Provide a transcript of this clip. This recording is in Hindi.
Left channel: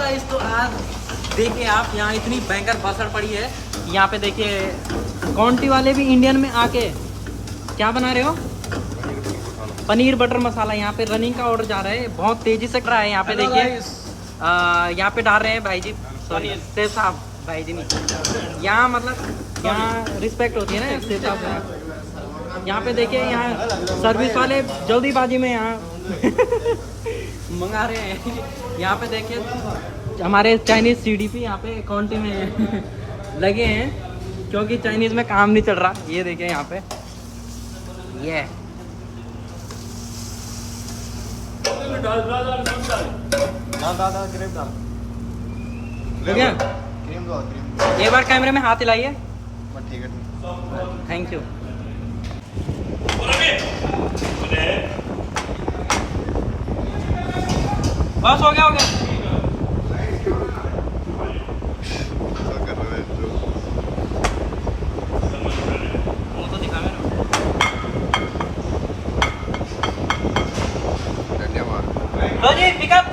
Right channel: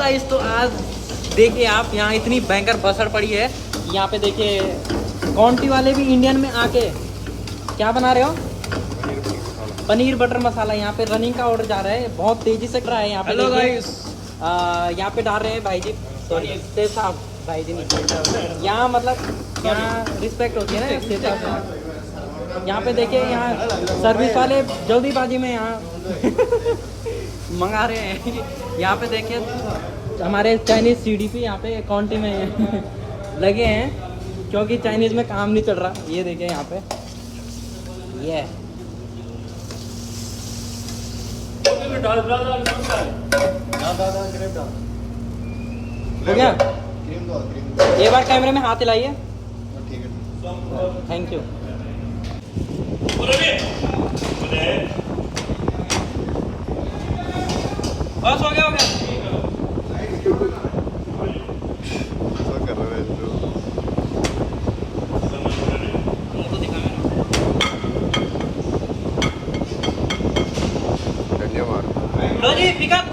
गाइस, तो आज देखिए आप यहाँ इतनी भयंकर भसड़ पड़ी है। यहाँ पे देखिए कॉन्टी वाले भी इंडियन में आके क्या बना रहे हो? पनीर बटर मसाला। यहाँ पे रनिंग का ऑर्डर जा रहा है, बहुत तेजी से कर रहा है। यहाँ पे देखिए यहाँ पे डाल रहे हैं भाई जी, सॉरी सेफ साहब, भाई जी नहीं, यहाँ मतलब यहाँ रिस्पेक्ट होती है ना सेफ साहब। यहाँ पे देखिए यहाँ सर्विस वाले जल्दीबाजी में यहाँ मंगा रहे हैं। यहाँ पे देखिए हमारे चाइनीज सीडीपी यहाँ पे काउंटी में लगे हैं, क्योंकि चाइनीज में काम नहीं चल रहा। ये देखिए यहाँ पे ये हो गया। एक बार कैमरे में हाथ हिलाइए। Thank you. बस हो गया हो गया। लो जी पिकअप।